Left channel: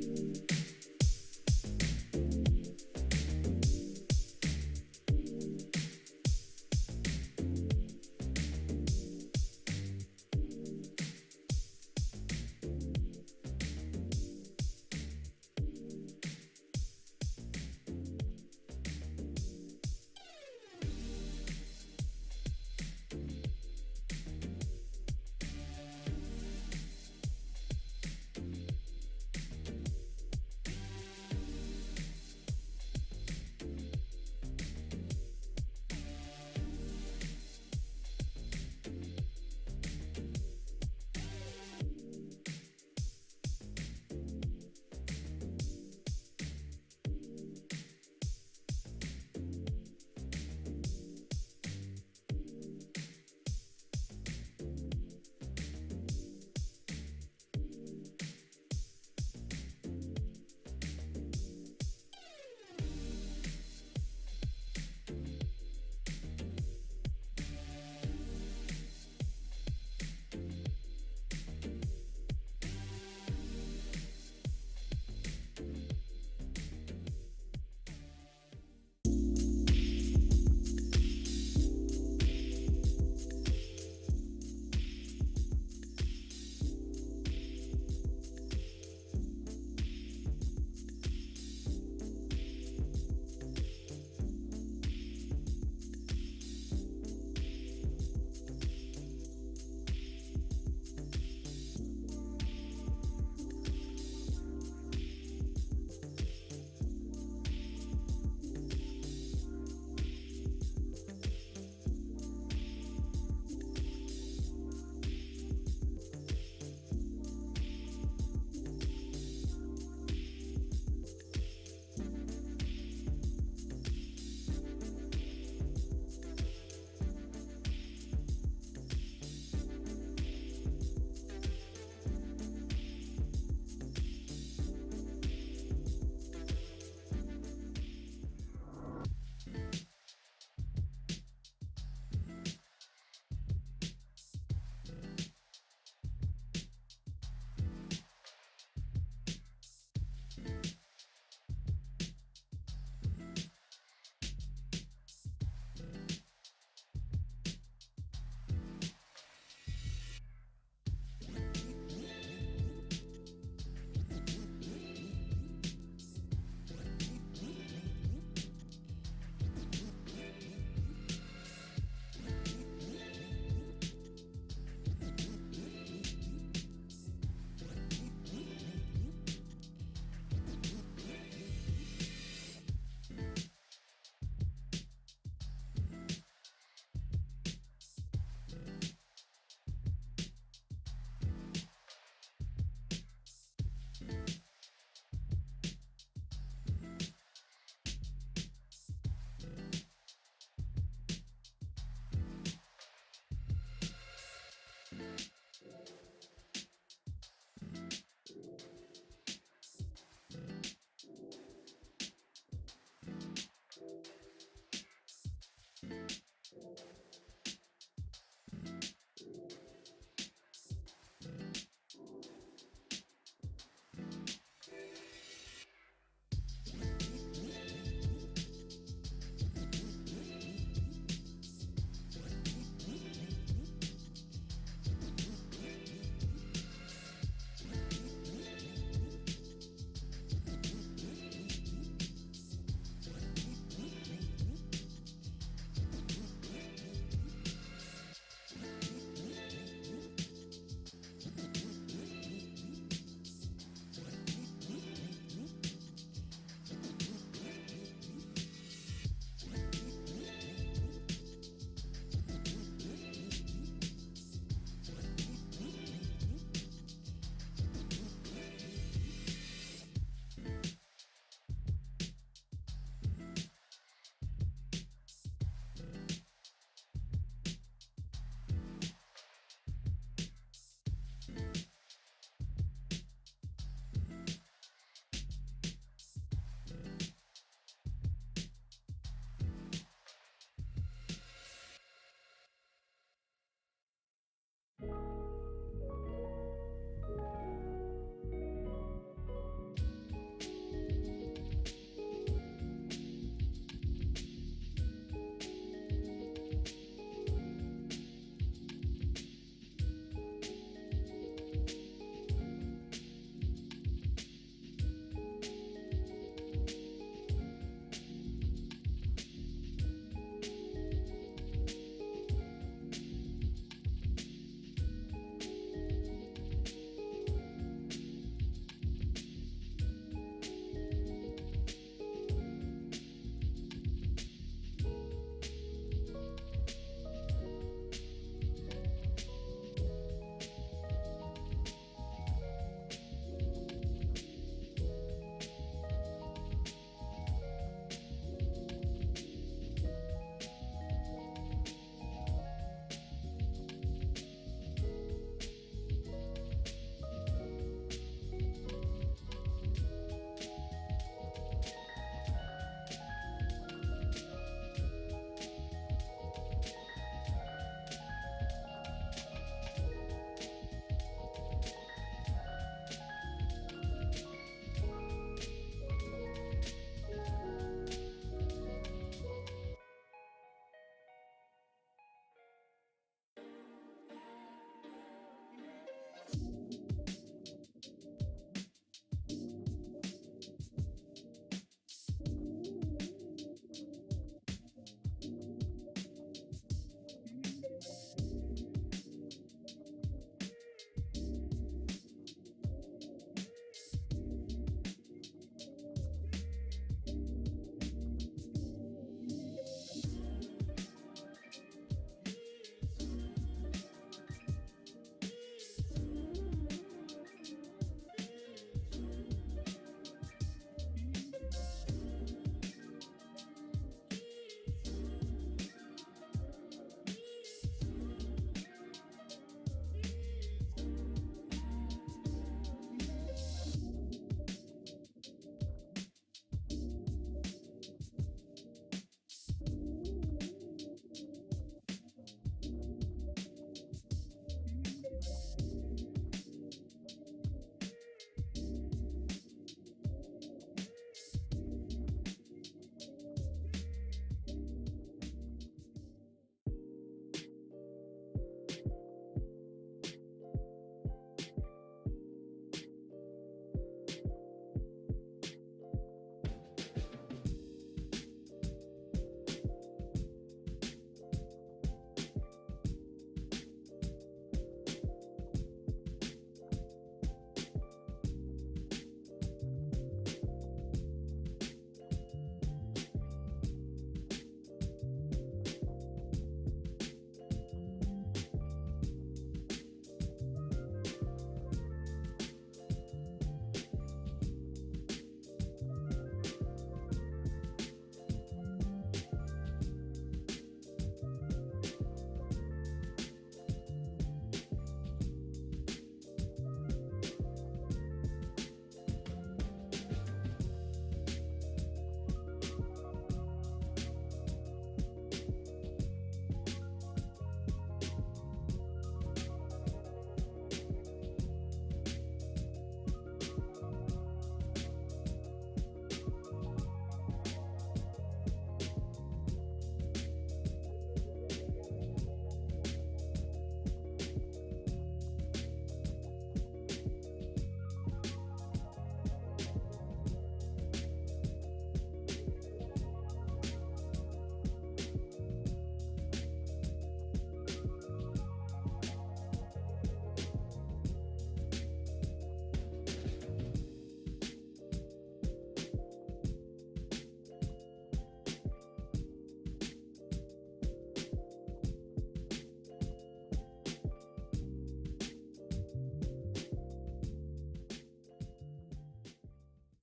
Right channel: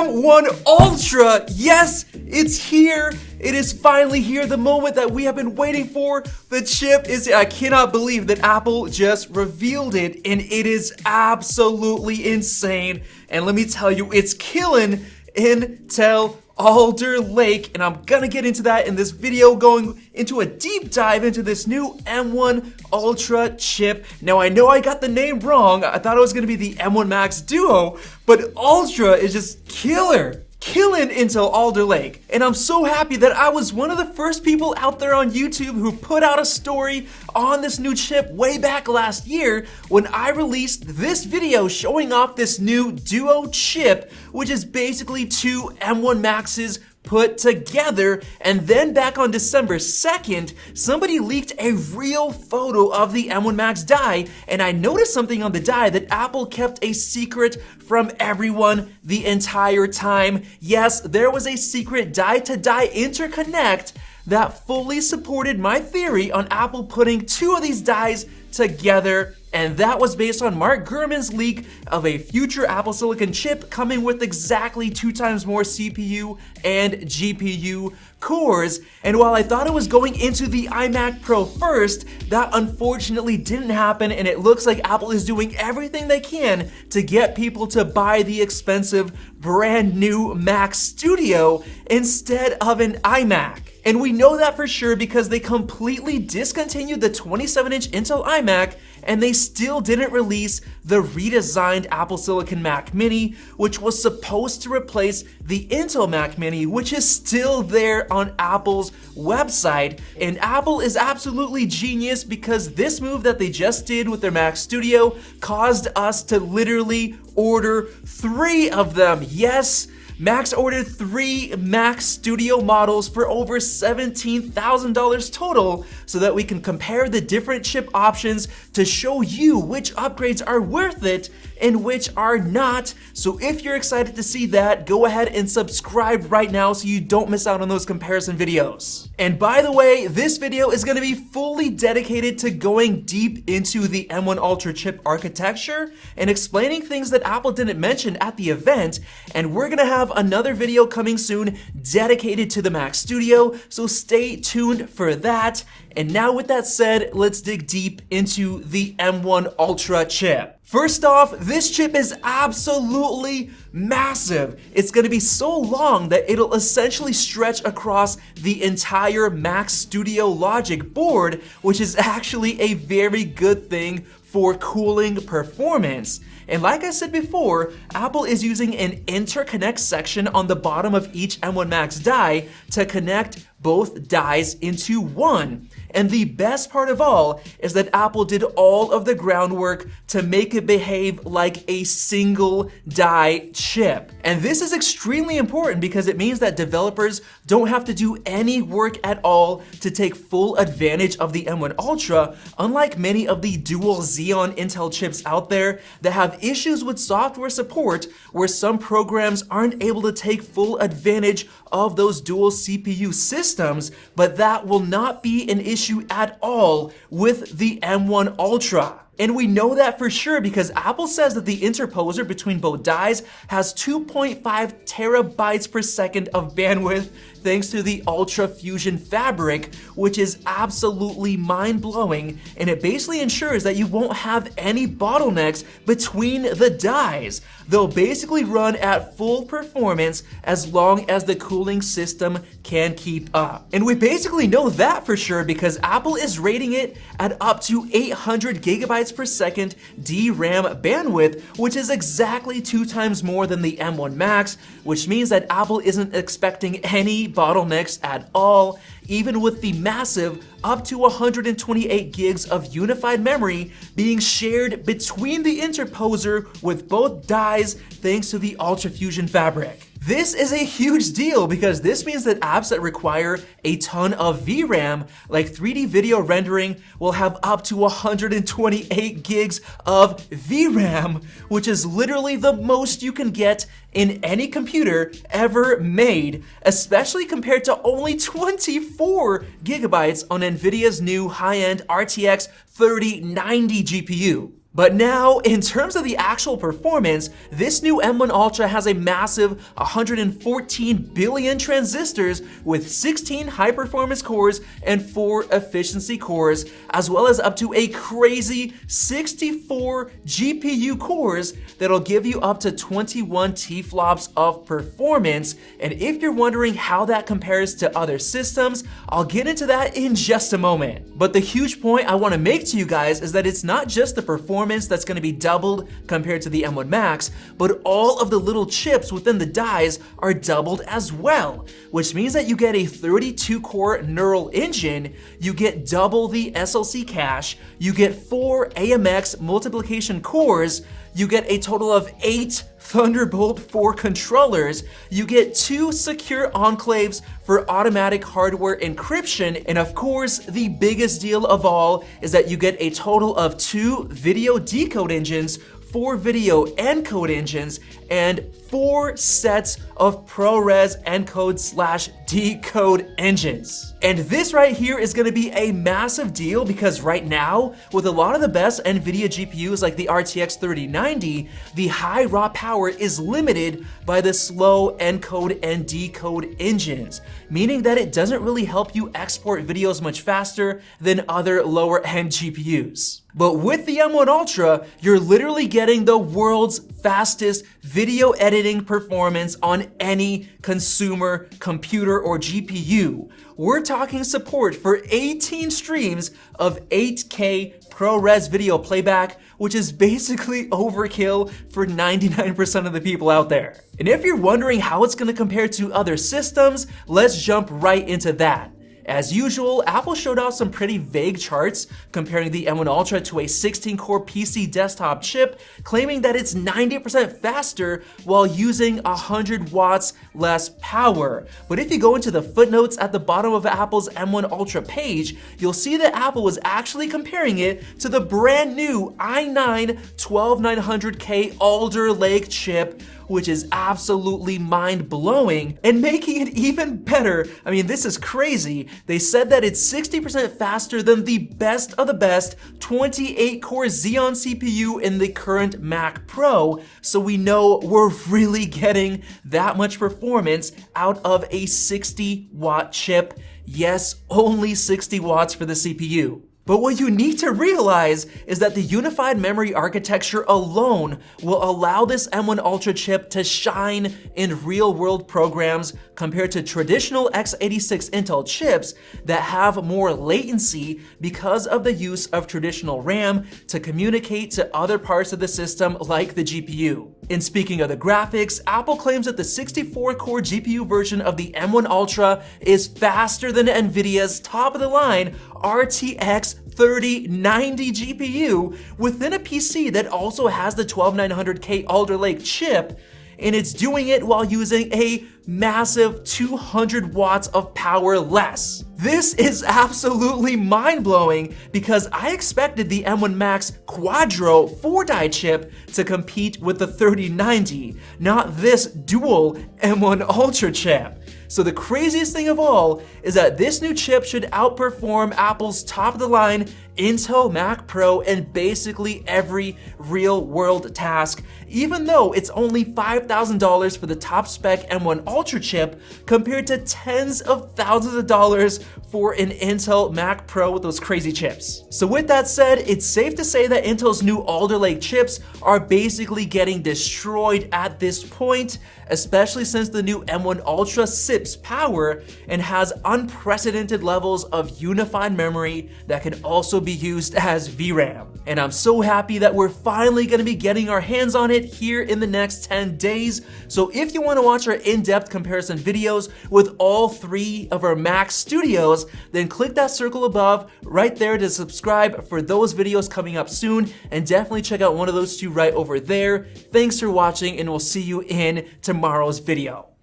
M1 Ultra. Yes, it's here. It is finally here, the moment that we have been waiting for. The chip is here. I cannot believe that Apple just revealed it, and it is absolutely insane. And let me tell you, it's killing Intel Alder Lake, and I'm gonna get into that in this video, going into a deep dive into this new M1 Ultra chip. Now, I know I got the name wrong. I thought it was gonna be the M1 Max Duo, but Ultra is just killing Intel Alder Lake. And I'm so happy that I was one of the first people out there on YouTube who put out a story on this new chip way back last year when I released this video showing off this new Duo chip, which is basically two M1 Maxes put together. And then back on December 2nd, somebody leaked a real photo of the M1 Max die, and I noticed something on the die that Apple kept a secret from everyone the entire time. Yes, there was a secret die-to-die interconnect that fully supported my theory on Apple putting two of these dies together, and that was based on Mark Gurman's leak of a future Apple Silicon chip coming with exactly 2 times more CPU and GPU cores. And while I thought it was going into the iMac Pro first, that unfortunately didn't happen, and it looks like Apple is doing everything they can to get people to buy the expensive brand new Mac Studio instead of an iMac. And we know that for sure because they completely discontinued the 27-inch Intel iMac, and they still didn't release the redesigned Apple Silicon Mac Mini, which was supposed to replace the Intel Mac Mini, which is still there on Apple's website. And Apple is absolutely genius because this move that they just did with their Mac Studio caused us to literally order 3 of them. Yes, Max ordered 3 Mac Studio models for over $17,000 total so that we can compare the different chip options to show you which upgrades are worth it and which are not. So if you're excited to see that, go ahead and subscribe right now so you don't miss out on those comparison videos. And by the way, this video is gonna be fully dedicated to going deep into the M1 Ultra chip architecture and explaining things that Apple didn't mention at the event. And we're gonna have another video coming soon dedicated to the Mac Studio, so stay tuned for that. And now with that said, let's dig deep into the M1 Ultra chip. First off, this chip is absolutely massive. It's gonna be so long that it'll essentially stretch across the entire Mac Studio Logic board, which is actually a very good thing for cooling performance. And like I said before, Apple is using an interconnect section on the bottom of each M1 Max die to connect both dies into one. And the best part of all is that Apple did all of the groundwork to make it behave like a single die chip. And this is extremely important because it means that developers don't have to do any work at all to take full advantage of the M1 Ultra, unlike many of the dual Xeon Intel chips out there that have issues with software support where some programs aren't able to take full advantage of those dual CPU systems, but that will not be an issue at all with the M1 Ultra. And we know that for sure because Apple says that the interposer between both dies has 2.5 terabytes per second of bandwidth thanks to the UltraFusion fabric, which is absolutely mind-blowing, and it basically ensures that you won't have any bottlenecks between the dies. They'll basically run at full performance as long as the cooling system can keep up. And we basically know that for sure because Apple is rating it at up to 800 gigabytes per second DRAM bandwidth, which is exactly 2 times more than the M1 Max, which means that Apple isn't expecting any bottlenecks at all, even with the massive up to 128 gigs of unified memory being shared between the interposer with both dies thanks to the UltraFusion fabric. This is a huge deal because this means that apps that require a ton of VRAM, like 3D video rendering, will have up to 128 gigs of VRAM, which is literally the most you can get in any computer ever made, especially compared to only 24 gigabytes on NVIDIA's new high-end RTX 3090 GPU. But now, in terms of the actual performance, this new M1 Ultra has a massive 114 billion transistors with 16 high-performance cores and 4 efficiency cores, as well as up to a crazy 64 GPU cores that'll give you up to 21 T-flops of performance. And if you're wondering how that compares to other systems, I'll get into that in just a moment. But the huge point I want to make to you guys is that it's not just the performance that's going to be doubled compared to the M1 Max, but all of the little chips within the dies are doubled as well, which means that you get a 32-core neural engine, you get double the SLC cache, you get 4 AMX multiplication cores, you get a total of 8 Thunderbolt 4 controllers, you get 2 secure enclaves for automatic hardware encryption, and of course, the biggest deal of all is that you get a total of 2 video decode engines, 4 video encode engines, and 4 sets of ProRes encode/decode engines. And this right here is going to be a massive deal because right now, with a lot of the best NVIDIA GPUs like the RTX 3090, the high raw power is limited by the slow encode and decode engines, meaning that it doesn't really help you export videos much faster than other lower end GPUs. But with the M1 Ultra, you're literally getting the world's fastest video editing performance on any consumer computer or GPU. We're talking support for 18 streams of 8K ProRes video playback, which is basically overkill for 99% of the people out there. And if you're wondering how it's gonna compare to other systems, let's jump right into that. As usual, Apple showed off some pretty vague charts comparing the M1 Ultra to a 16-core PC desktop chip, claiming that it's 90% faster while using 100 watts less power. But if you go into the footnotes at the bottom of Apple's M1 Ultra page, you'll see that Apple was actually comparing it to the brand new i9 12900K Alder Lake chip, which is absolutely mind-blowing, and making it even better. I mean, this is crazy. They said that it's 60% faster than the best of the best 28-core Xeon CPU in the current Mac Pro, so we know we're really getting that much performance out of a 60-watt chip. Yes, only 60 watts for the CPU. But what you need to realize is that the unified memory architecture alone will allow this M1 Ultra chip to shine in real-world programs compared to traditional x86 Intel chips that have more latency because of the use of traditional RAM to communicate to other parts of the system like the GPU. And speaking of the graphics, Apple claims that the 64-core GPU version of the M1 Ultra is faster than NVIDIA's top-of-the-line RTX 3090 GPU within a PC that also has the 12900K Alder Lake chip, and it's doing it while using a massive 200 watts of power less. This is absolutely mind-blowing because I expected the M1 Max Quadro 4-die chip to compete with the 3090, not this dual M1 Ultra chip. So the craziest thing of all is that this new chip should outperform Apple's top-of-the-line Intel Mac Pro in basically every real-world task, even though it's only $5,000 for the top-spec M1 Ultra chip compared to tens of thousands of dollars for an Intel Mac Pro with those crazy chips. So with that said, it's safe to say that Intel's new Alder Lake chips are basically getting destroyed at this point, especially since the new M1 Ultra sips power and has unprecedented levels of unified memory that can also be used as VRAM. And I'm so happy that we're finally going to be getting our hands on it here in the next 10 days. So if you want to watch our in-depth comparison videos with all 3 of our Mac studios, then click that circle above right there to subscribe for those videos coming up soon, and definitely check out one of those 2 right over there. Thanks for watching, and we'll see you in tomorrow's video.